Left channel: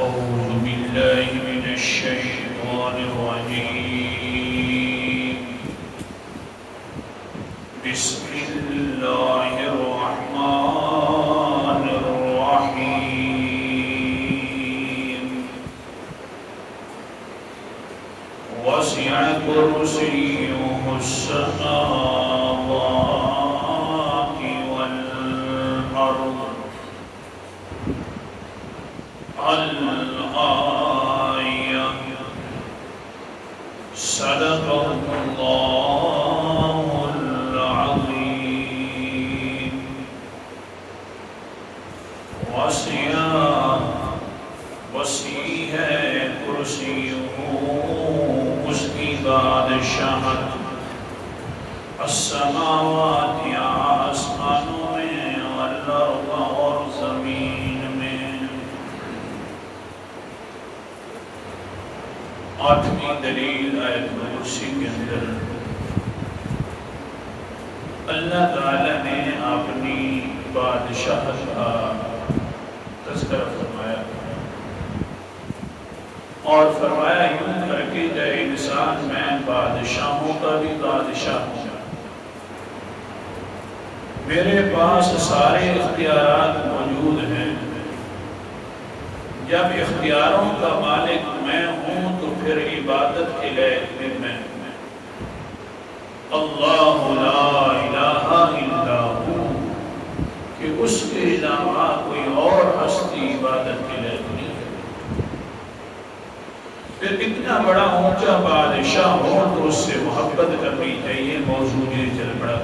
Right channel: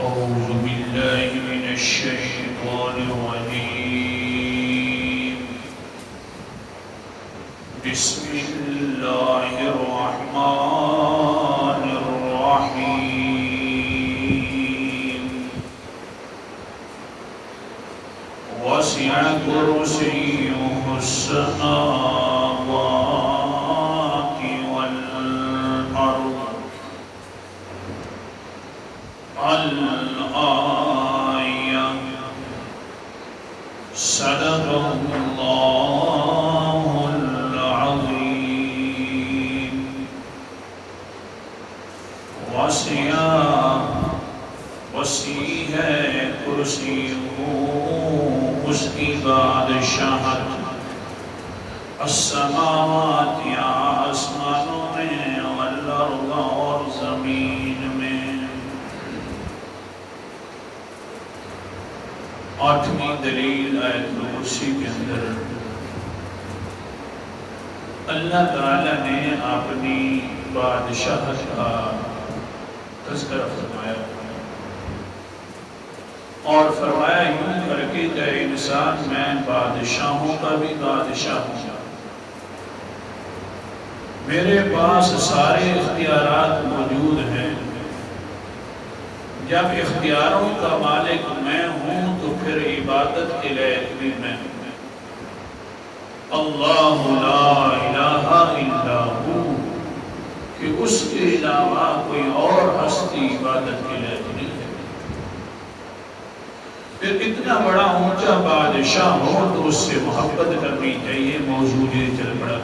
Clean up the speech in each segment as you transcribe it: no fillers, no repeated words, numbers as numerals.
أعوذ بالله من الشيطان الرجيم بسم الله الرحمن الرحيم وسع كرسيه السماوات والأرض الآية صدق الله العظيم وسیع ہے کرسی اس کی بادشاہت السماوات یا آسمانوں میں والارض اور زمین میں۔ آٹھویں دلیل آیت کرسی کے اندر اللہ تعالی نے اپنی بادشاہت کا تذکرہ فرمایا اور فرمایا یوں کر کے جائے انسان میں بادشاہوں کا بھی بادشاہ ہوں، میرے پاس سارے اختیارات موجود ہیں، جب اختیاروں کا مالک میں ہوں تو پھر عبادت کے لائق بھی میں ہوں۔ اللہ لا الہ الا ہو، کہ اس کے علاوہ کوئی اور ہستی عبادت کے لائق نہیں ہے۔ پھر اتنا بڑا اونچا بادشاہ ہو تو اس سے محبت کرنی چاہیے، موضوع یہ چل پڑا۔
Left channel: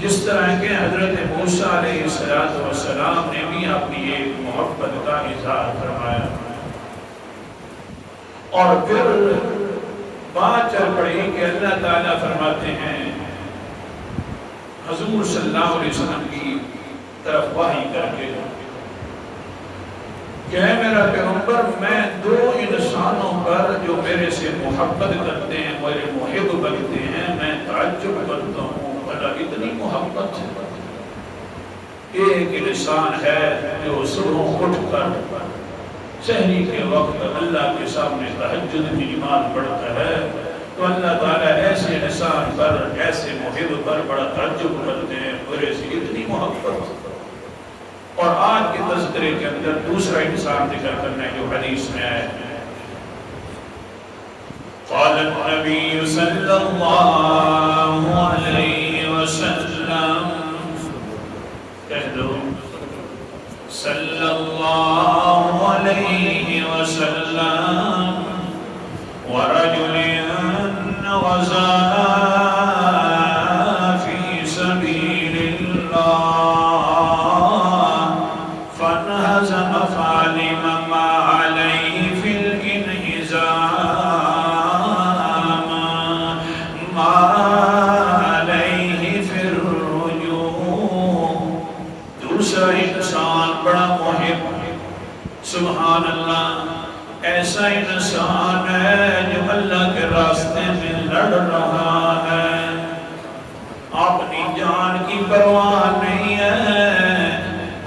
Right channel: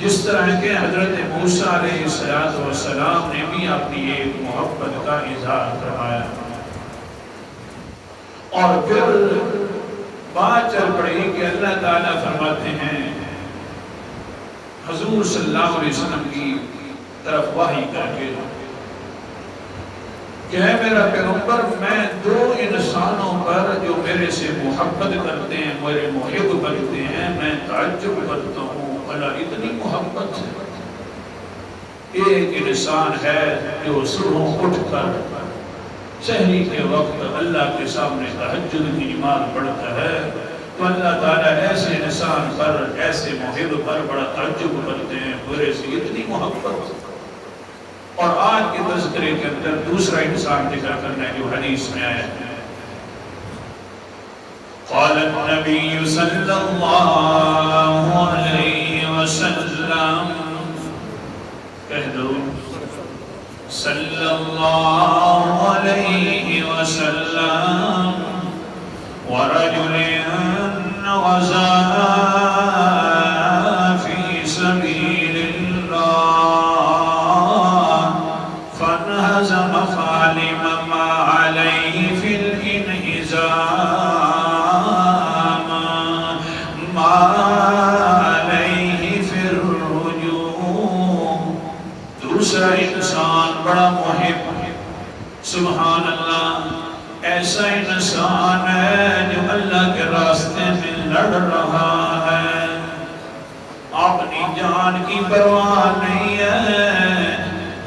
جس طرح کہ حضرت موسیٰ علیہ السلام نے بھی اپنی ایک محبت کا اظہار فرمایا، اور پھر بات چل پڑی کہ اللہ تعالیٰ فرماتے ہیں حضور صلی اللہ علیہ وسلم کی طرف وحی کر کے کہ اے میرا پیغمبر، میں دو انسانوں پر جو میرے سے محبت کرتے ہیں، میرے محب بنتے ہیں، میں تعجب کرتا ہوں، اللہ اتنی محبت ہے۔ ایک انسان ہے جو صبح اٹھ کر سحری کے وقت اللہ کے سامنے تہجد کی نماز پڑھتا ہے، تو اللہ تعالیٰ ایسے انسان پر، ایسے محب پر بڑا تعجب کرتے ہیں، میرے سے اتنی محبت۔ اور آج کے تذکرے کے اندر دوسرا انسان ذکر کرنا ہے جو حدیث میں آیا ہے۔ قال النبی صلی اللہ علیہ وسلم، کہہ دو صلی اللہ علیہ وسلم، ورجل غزا فی سبیل اللہ فانہزم فعلم ما علیہ فی الانہزام ما علیہ فی الرجوع۔ دوسرا انسان بڑا محب، سبحان اللہ، ایسا انسان ہے جو اللہ کے راستے میں لڑ رہا ہے، اپنی جان کی پرواہ نہیں ہے،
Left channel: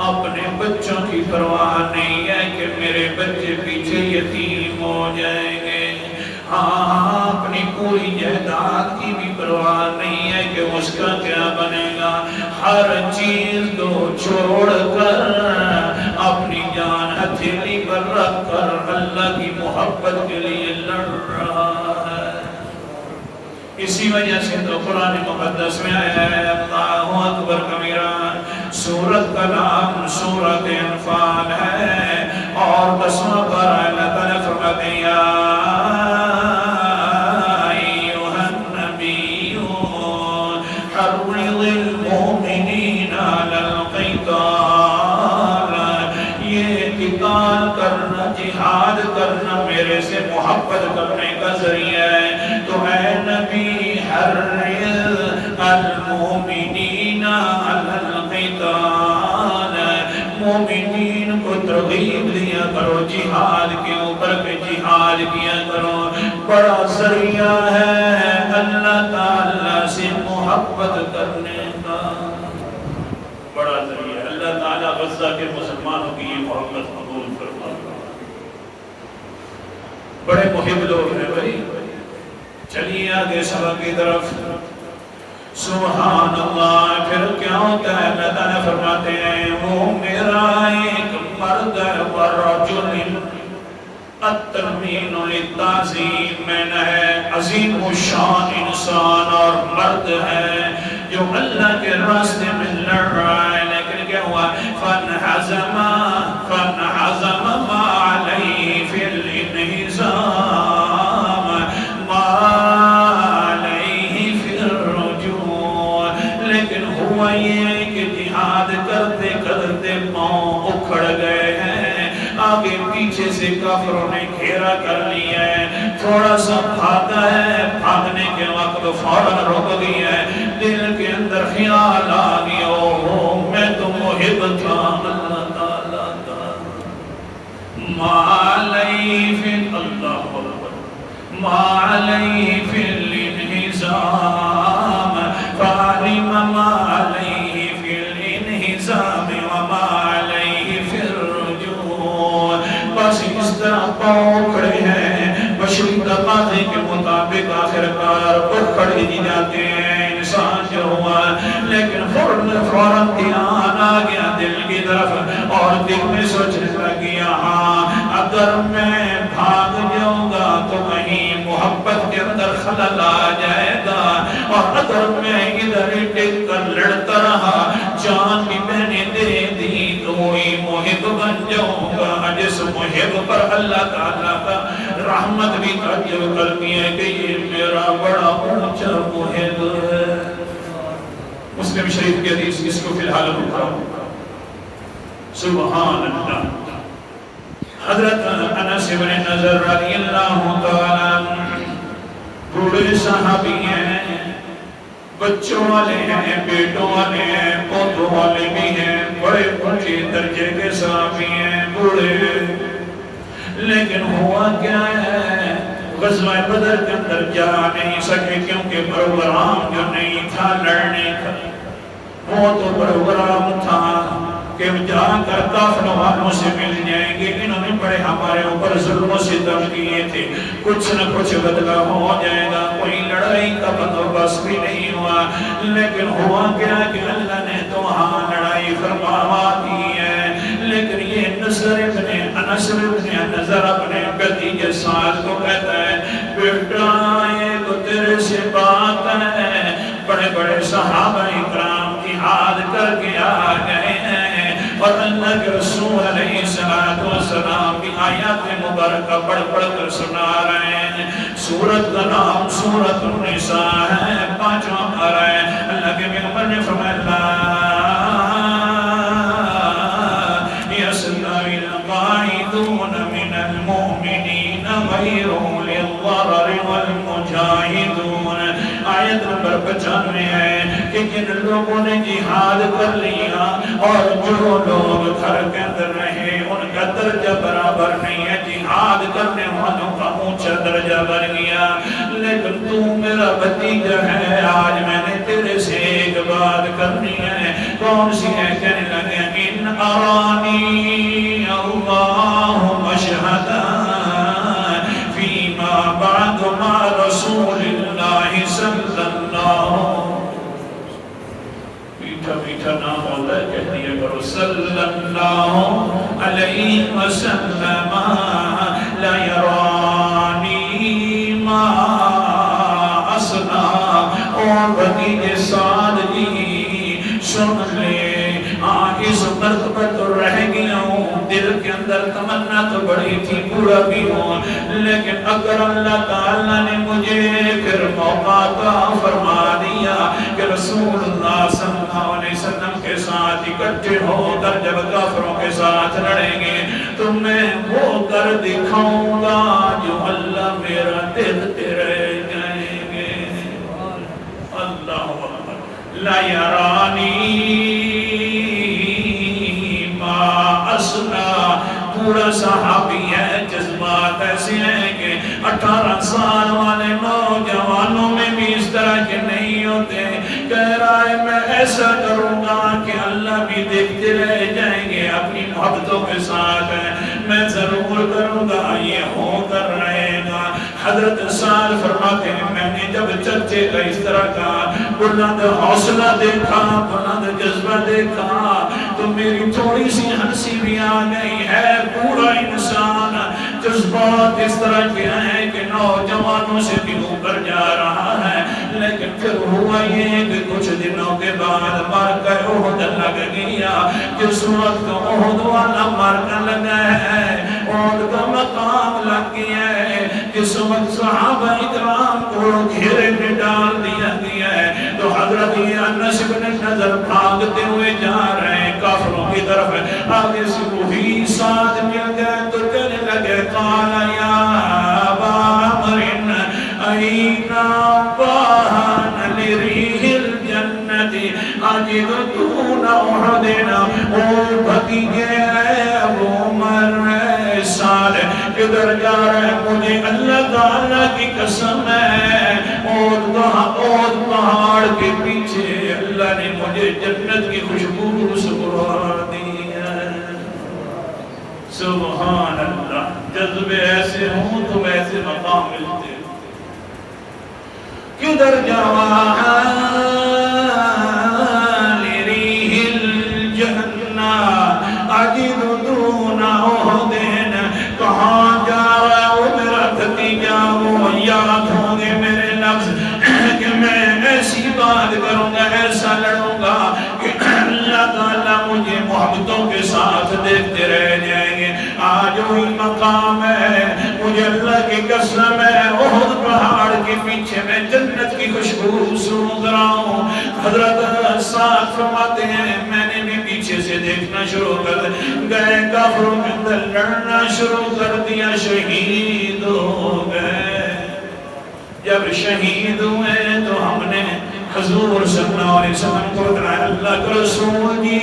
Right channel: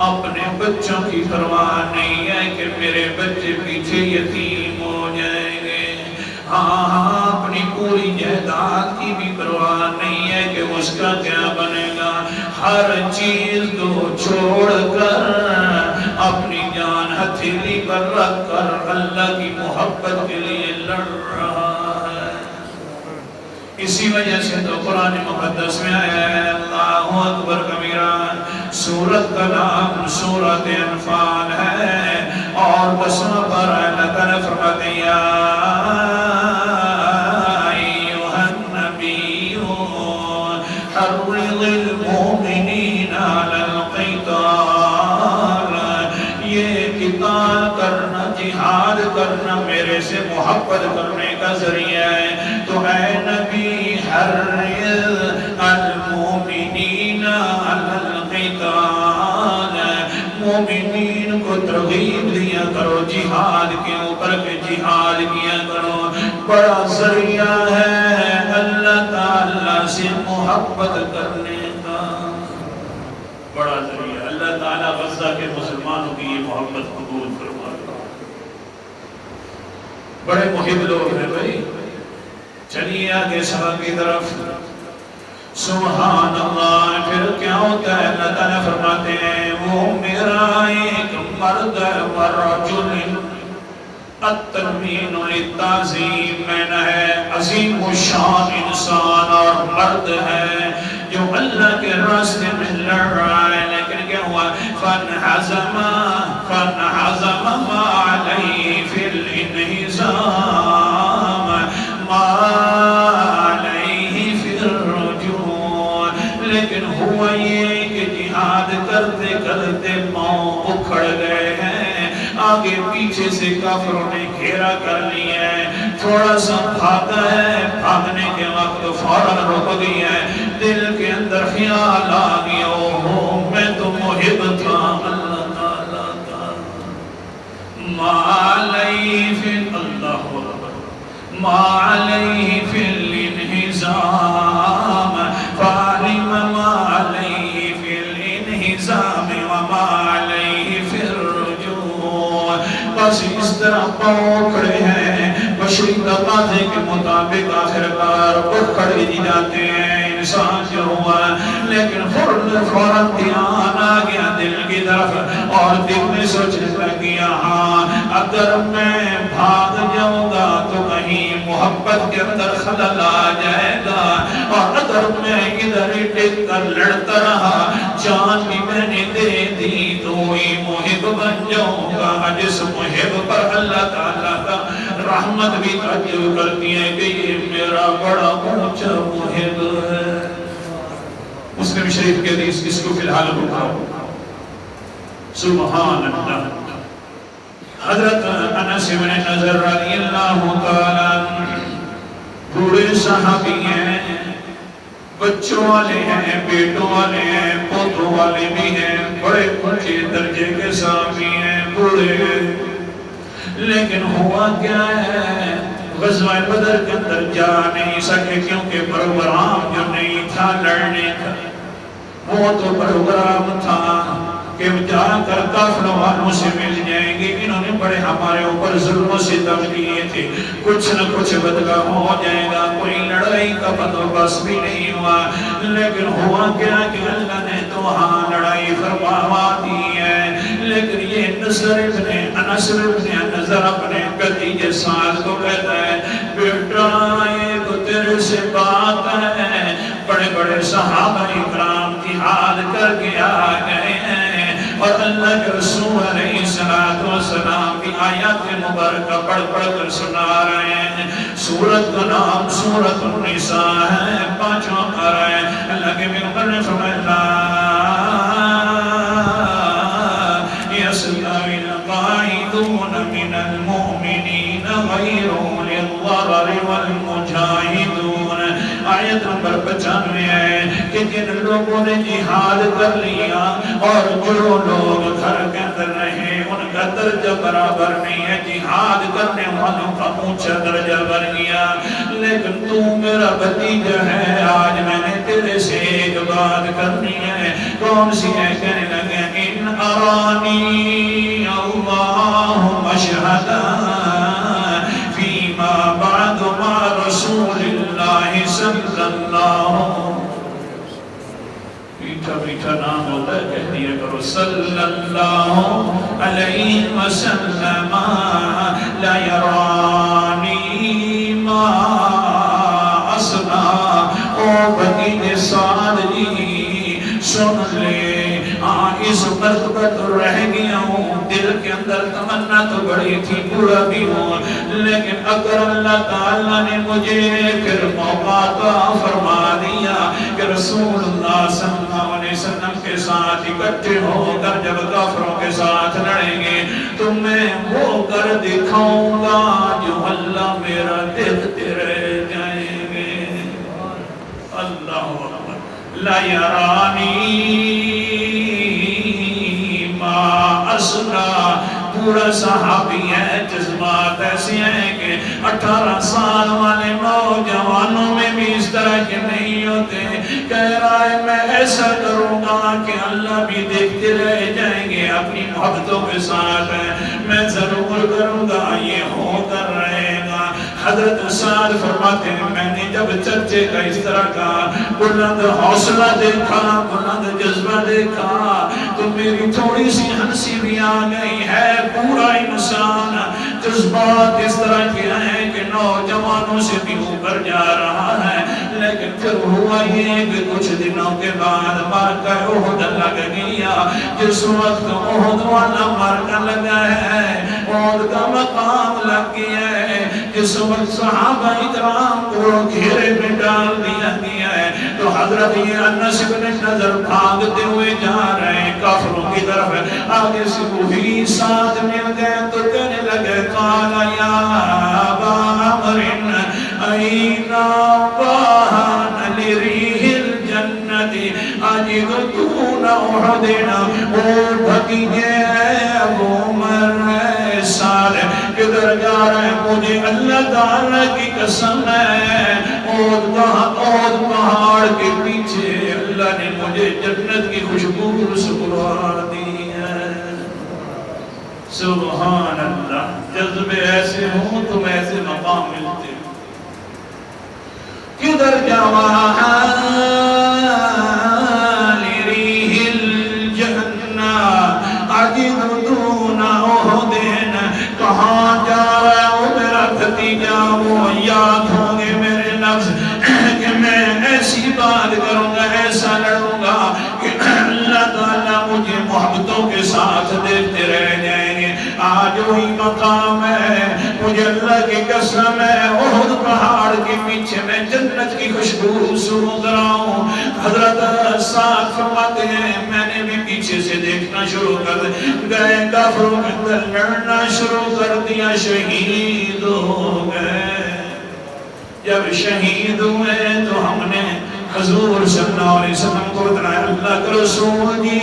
اپنے بچوں کی پرواہ نہیں ہے کہ میرے بچے پیچھے یتیم ہو جائیں گے، ہاں اپنی پوری جائیداد کی بھی پرواہ نہیں ہے کہ اس کا کیا بنے گا، ہر چیز کو چھوڑ کر اپنی جان ہتھیلی پر رکھ کر اللہ کی محبت کے لیے لڑ رہا ہے۔ اسی وجہ سے تو قرآن مقدس میں آیا ہے اللہ اکبر کبیرہ، سورت کا نام سورت انفال ہے، اور قسم پر اللہ تعالیٰ فرماتے ہیں یا ایھا النبی حرض المؤمنین علی القتال، یہ قتال کرنا، جہاد کرنا میرے سے محبت کرنے کا ذریعہ ہے، تو اے نبی حرض المؤمنین علی القتال، مومنین کو ترغیب دیا کرو جہاد کے اوپر، کہ جہاد کیا کرو، بڑا ذریعہ ہے اللہ تعالیٰ سے محبت کرنے کا۔ بڑا ذریعہ. اللہ تعالیٰ غزہ کے مسلمانوں کی یہ محبت قبول فرما. بڑے محب لوگ ہیں بھائی. چلیے آگے سبق کی طرف. سبحان اللہ. پھر کیا ہوتا ہے؟ اللہ تعالیٰ فرماتے ہیں وہ میرا ایک مرد ورجل التنوین للتعظیم میں ہے عظیم الشان انسان اور مرد ہے جو اللہ کے راستے میں لڑ رہا ہے. لیکن کیا ہوا؟ فانحزم ما علیہ فی الانہزام ما علیہ فی الرجوع. لیکن ہوا یہ کہ جہاد کرتے کرتے پاؤں اکھڑ گئے ہیں. آگے پیچھے سے کافروں نے گھیرا کر لیا ہے. تھوڑا سا بھاگا ہے، بھاگنے کے وقت فوراً رک دیا ہے. دل کے اندر خیال آ گیا اوہ میں تو محب تھا اللہ تعالیٰ کا. ما علیہ فی اللہ ما علیہ فی الانہزام فعلم ما علیہ فی الانہزام وما علیہ فی الرجوع. بس اس طرح پاؤں کھڑے ہیں بشری تقاضے کے مطابق آخرکار اکھڑے دی جاتے ہیں انسان جو ہوا. لیکن فوراً دھیان آ گیا دل کی طرف اور دل میں سوچنے لگیا ہاں اگر میں بھاگ جاؤں گا تو کہیں محبت کے اندر خلل آ جائے گا. اور اگر میں ادھر ہی ٹک کر لڑتا رہا جان بھی میں نے دے دی تو ہی محب بن جاؤں گا. جس محب پر اللہ تعالیٰ کا رحمت بھی تعجب کرتی ہے کہ یہ میرا بڑا اونچا محب ہے. مسلم شریف کے حدیث اس کو فی الحال اٹھاؤ. سبحان اللہ. حضرت انس بن نضر رضی اللہ تعالیٰ بوڑھے صحابی ہیں، بچوں والے ہیں، بیٹوں والے ہیں، پوتوں والے بھی ہیں، بڑے اونچے درجے کے صحابی ہیں بوڑھے. لیکن ہوا کیا ہے غزوہ بدر کے اندر جا نہیں سکے کیونکہ پروگرام جو نہیں تھا لڑنے کا وہ تو پروگرام تھا کہ جا کر کافروں والوں سے مل جائیں گے. انہوں نے بڑے ہمارے اوپر ظلم و ستم کیے تھے، کچھ نہ کچھ بدلہ ہو جائے گا. کوئی لڑائی کا بندوبست بھی نہیں ہوا. لیکن ہوا کیا کہ اللہ نے تو ہاں لڑائی فرما دی ہے. لیکن یہ نصر ابن انس ابن نضر اپنے بھتیجے سعد کو کہتا ہے بیٹا یہ تو تیرے سے بات ہے، بڑے بڑے صحابہ اکرام جہاد کر کے آ گئے ہیں اور اللہ کے رسول علیہ السلام کی آیات مبارکہ پڑھ پڑھ کر سنا رہے ہیں. سورت کا نام سورت النساء ہے، 5واں پارہ ہے. اللہ کے پیغمبر نے فرمایا يستوي القاعدون من المؤمنين غير أولي الضرر والمجاهدون. آیت نمبر 95 ہے کہ جن لوگوں نے جہاد کر لیا اور جو لوگ گھر کے اندر رہے ان کا درجہ برابر نہیں ہے. جہاد کرنے والوں کا اونچا درجہ بڑھ گیا. لیکن تو میرا بھتیجا ہے، آج میں نے تیرے سے ایک بات کرنی ہے. کون سی ہے؟ کہنے لگے ان ارانی اللہ مشہدا فیما بعد ما رسول اللہ صلی اللہ. میٹھا میٹھا نام ہوتا ہے کہہ دیا کرو صلی اللہ علیہ وسلم. لا یرانی ما اصلا. او بھتیجے سعد جی سن لے اس مرتبہ تو رہ گیا ہوں، دل کے اندر تمنا تو بڑی تھی بوڑھا بھی ہوں. لیکن اگر اللہ تعالیٰ نے مجھے پھر موقع عطا فرما دیا کہ رسول اللہ صلی اللہ علیہ وسلم کے ساتھ اکٹھے ہو کر جب کافروں کے ساتھ لڑیں گے تو میں وہ کر دکھاؤں گا جو اللہ میرا دیکھتے رہ جائیں گے. اللہ اکبر. لا یرانی ما اسنا. بوڑھا صحابی ہے، جذبات ایسے ہیں کہ 18 سال والے نوجوانوں میں بھی اس طرح کے نہیں ہوتے. کہہ رہا ہے میں ایسا کروں گا کہ اللہ بھی دیکھتے رہ جائیں گے اپنی محبتوں کے ساتھ، میں ضرور کروں گا، یہ ہو کر رہے گا. حضرت سعد فرماتے ہیں میں نے جب چرچے کا اس طرح کا بلند حوصلہ دیکھا، بلند جذبہ دیکھا تو میری تھوڑی سی ہنسی بھی آ گئی ہے. پورا انسان جذبات اس طرح کے ہیں کہ نوجوانوں سے بھی اوپر جا رہا ہے. لیکن پھر ہوا یہ کہ کچھ دنوں کے بعد مرکہ احد لگ گیا. جس وقت احد والا مرکہ لگا ہے، احد کا مقام لگ گیا ہے، جس وقت صحابہ اکرام کو گھیرے میں ڈال دیا گیا ہے، تو حضرت انس بن نضر بھاگتے ہوئے جا رہے ہیں کافروں کی طرف. آگے سے وہی ساتھ مل گئے تو کہنے لگے قال یا ابا عمر این واہن لریح الجنت اجد دون احد. اور بھتیجے ابو عمر سال کدھر جا رہے ہیں؟ مجھے اللہ تعالیٰ کی قسم ہے اور پہاڑ کے پیچھے اللہ نے مجھے جنت کی خوشبو سنوا دی ہے. سبحان اللہ. جذبے ایسے ہوں تو ایسے مقام ملتے. کدھر جاوا لریح الجنہ اجد دون احد. کہاں جا رہا ہے وہ میرا بھتیجا؟ وہ یاد ہوں گے میرے لفظ کہ میں ایسی بات کروں گا، ایسا لڑوں گا کہ اللہ تعالیٰ مجھے محبتوں کے ساتھ دیکھتے رہ جائیں گے. آج وہی مقام ہے. مجھے اللہ کی قسم ہے احد پہاڑ کے پیچھے میں جنت کی خوشبو سن رہا ہوں. حضرت سعد فرماتے ہیں میں نے بھی پیچھے سے دیکھنا شروع کر گئے، کافروں کے اندر لڑنا شروع کر دیا، شہید ہو گئے. جب شہید ہوئے تو ہم نے حضور صلی اللہ علیہ وسلم کو بتایا اللہ کے رسول جی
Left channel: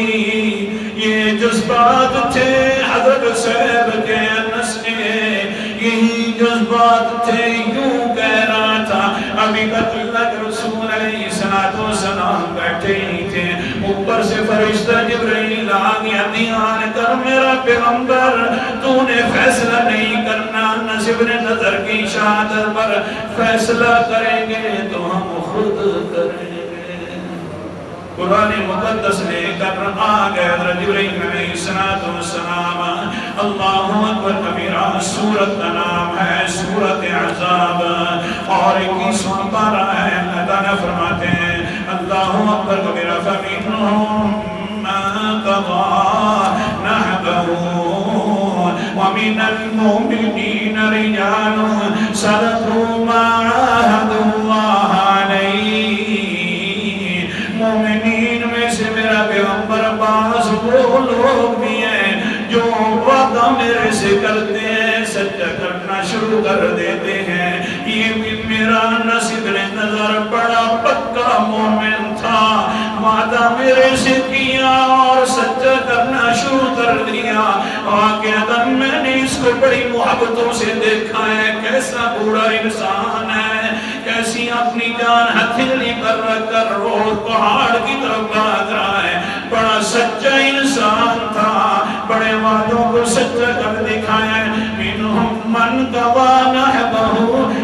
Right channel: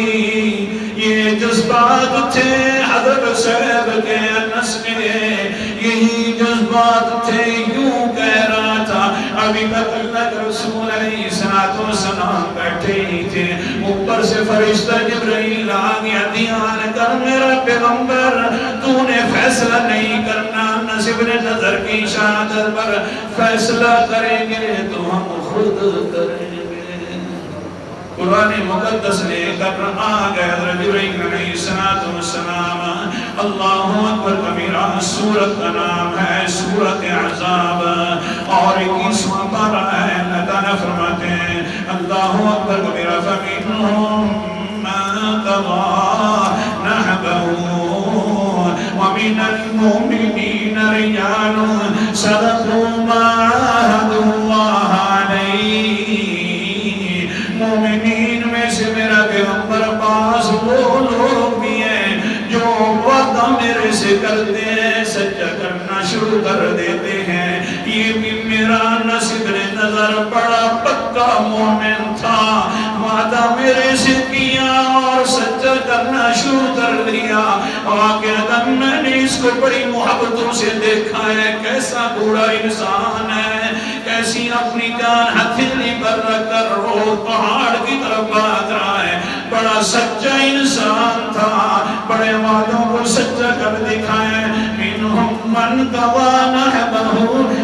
یہ جذبات تھے حضرت صاحب کے انس میں، یہی جذبات تھے. یوں کہہ رہا تھا ابھی تک اللہ کے رسول علیہ السلام بیٹھے ہی تھے، اوپر سے فرشتہ جبرائیل آ گیا. دھیان کر میرا پیغمبر، تو نے فیصلہ نہیں کرنا، انس بن نضر کی شہادت پر فیصلہ کریں گے تو ہم خود کریں گے. قرآن مقدس لے کر آ گئے حضرت جبرائیل علیہ السلام. اللہ اکبر کبیرہ. سورت کا نام ہے سورت احزاب اور 21واں پارہ ہے. اللہ تعالیٰ فرماتے ہیں اللہ اکبر کبیرہ فَمِنْهُمْ مَنْ قَضَىٰ نَحْبَهُ وَمِنَ الْمُؤْمِنِينَ رِجَالٌ صَدَقُوا مَا عَاهَدُوا اللَّهَ عَلَيْهِ. مومنین میں سے میرا پیغمبر پاس وہ لوگ بھی ہیں جو وعدہ میرے سے کرتے ہیں، سچا کرنا شروع کر دیتے ہیں. یہ بھی میرا انس بن نضر بڑا پکا مومن تھا، وعدہ میرے سے کیا اور سچا کرنا شروع کر دیا. واقعہ میں نے اس کو بڑی محبتوں سے دیکھا ہے، کیسا بوڑھا انسان ہے، کیسی اپنی جان ہتھیلی پر رکھ کر روز پہاڑ کی طرف بھاگ رہا ہے. بڑا سچا انسان تھا، بڑے وعدوں کو سچا کر دکھایا. منہم من قضىٰ نحبہ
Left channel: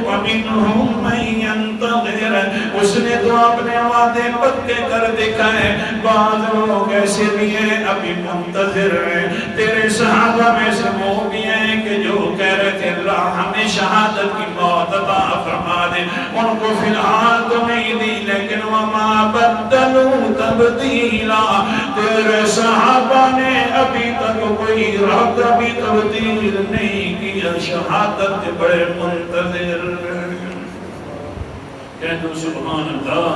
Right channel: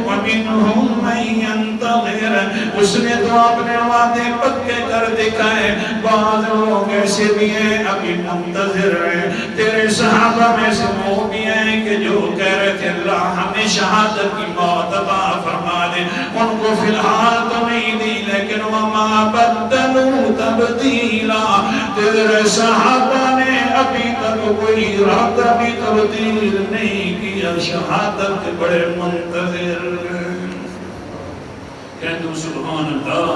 ومنہم من ينتظر. اس نے تو اپنے وعدے پکے کر دکھائے. بعض لوگ ایسے بھی ہیں ابھی منتظر ہیں. تیرے صحابہ میں سے وہ بھی ہیں کہ جو کہہ رہے تھے اللہ ہمیں شہادت کی موت عطا فرما دے، ان کو فی الحال تو نہیں دی لیکن وما بدلوا تبدیلا. تیرے صحابہ نے ابھی تک کوئی رب بھی تبدیل نہیں کیا، شہادت کے بڑے منتظر. کہہ دو سبحان اللہ.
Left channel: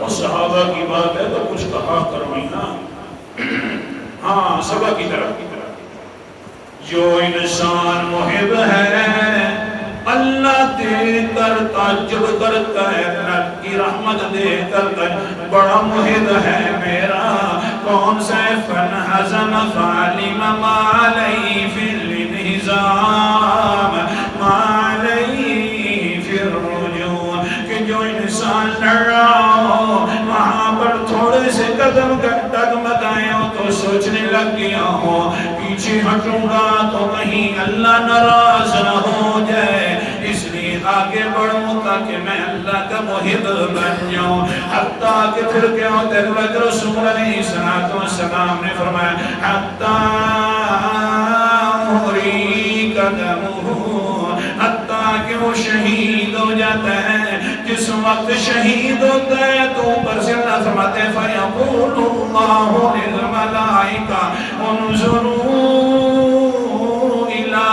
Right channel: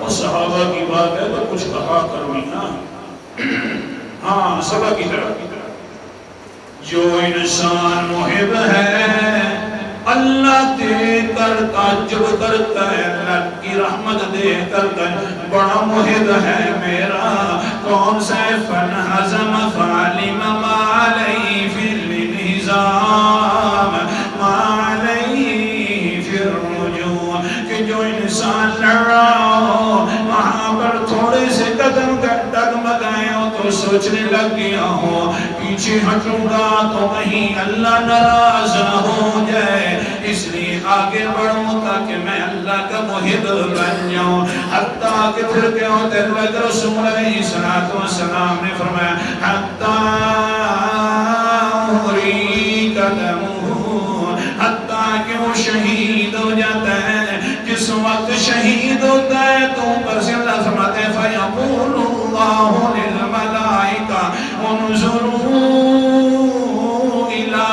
اور صحابہ کی بات ہے تو کچھ کہا کرو ہی نا. ہاں سبا کی طرف جو انسان محب ہے اللہ دیکھ کر تعجب کرتا ہے، اللہ کی رحمت دیکھ کر بڑا محب ہے میرا. کون سا فَانْحَزَمَ فَعَلِمَ مَا عَلَيْهِ فِي ہو تو سوچنے لگ گیا ہو پیچھے ہٹوں گا تو کہیں اللہ ناراض نہ ہو جائے، اس لیے آگے بڑھوں تاکہ میں اللہ کا محب بن جاؤں۔ حتیٰ کہ پھر کیا ہوتا ہے، اللہ کے رسول علیہ السلام نے فرمایا حتیٰ احریق دمہ، حتیٰ کہ وہ شہید ہو جاتا ہے۔ جس وقت شہید ہوتا ہے تو اوپر سے اللہ فرماتے ہیں فَيَقُولُ اللَّهُ لِلْمَلَائِكَةِ انظُرُوا إِلَىٰ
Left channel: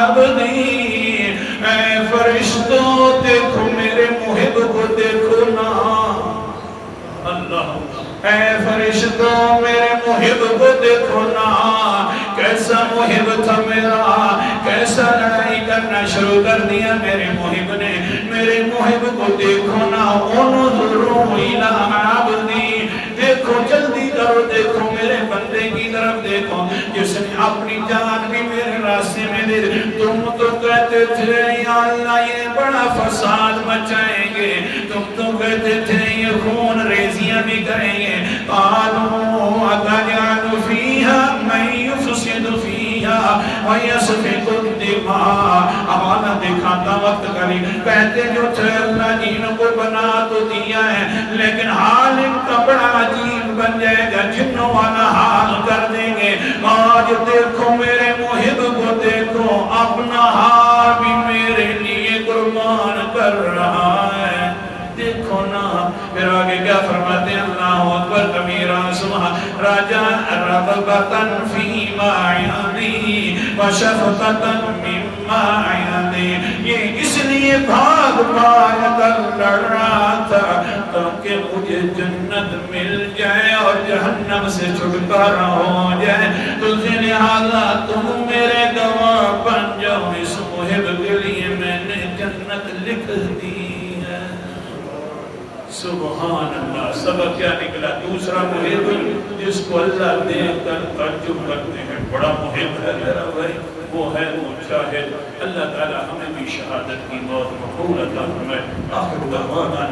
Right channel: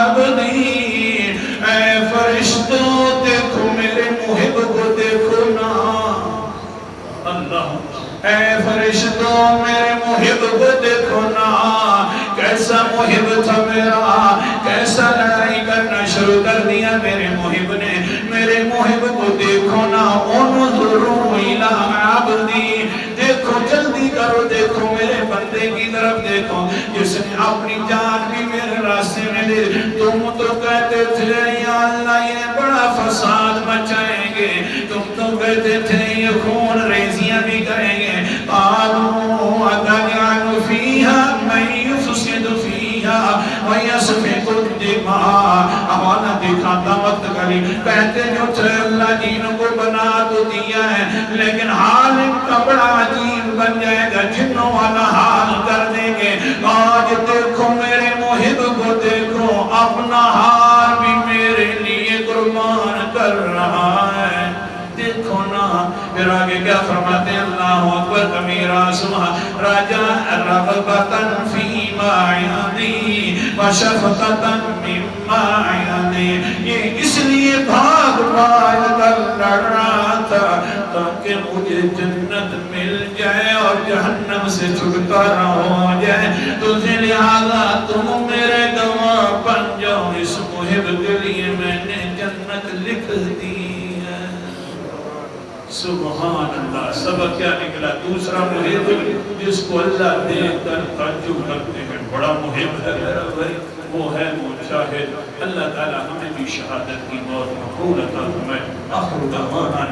عَبْدِي، اے فرشتوں دیکھو میرے محب کو دیکھو نا، اللہ اے فرشتوں میرے محب کو دیکھو نا، کیسا محب تھا میرا، کیسا لڑائی کرنا شروع کر دیا میرے محب نے، میرے محب کو دیکھو نا، انظروا الی عبدی، دیکھو جلدی کرو، دیکھو میرے بندے کی طرف دیکھو جس نے اپنی جان بھی میرے راستے میں دے۔ تم تو کہتے تھے یا اللہ یہ بڑا فساد مچائیں گے، تم تو کہتے تھے یہ خون ریزیاں بھی کریں گے، قالوا اتجعل فیہا من یفسد فیہا ویسفک الدماء، حوالہ دکھاتا وقت کری، کہتے جو تھے اللہ جن کو بنا تو دیا ہے لیکن حال ان کا بڑا عجیب بن جائے گا، جنوں والا حال کر دیں گے۔ آج دیکھو میرے محب کو دیکھو، اپنا حال بھی میرے لیے قربان کر رہا ہے، دیکھو نا۔ پھر آگے کیا فرماتے ہیں اللہ اکبر کبیرہ سبحان رجاء رغبۃ فیما یلی وشفقۃ مما یلی، یہ اس لیے بھاگ بھاگ کر لڑ رہا تھا تاکہ مجھے جنت مل جائے اور جہنم سے چھٹکارا ہو جائے، تو لہذا تم میرے گواہ بن جاؤ، اس محب کے لیے میں نے جنت لکھ دی ہے۔ سبحان اللہ۔ سبق کیا نکلا؟ دوسرا محب جس کو اللہ دیکھ کر تعجب کرتے ہیں، بڑا محب ہے میرا بھائی، وہ ہے مجاہد۔ اللہ تعالی ہمیں بھی شہادت کی موت مقبول عطا فرمائے۔ آخر دعوانا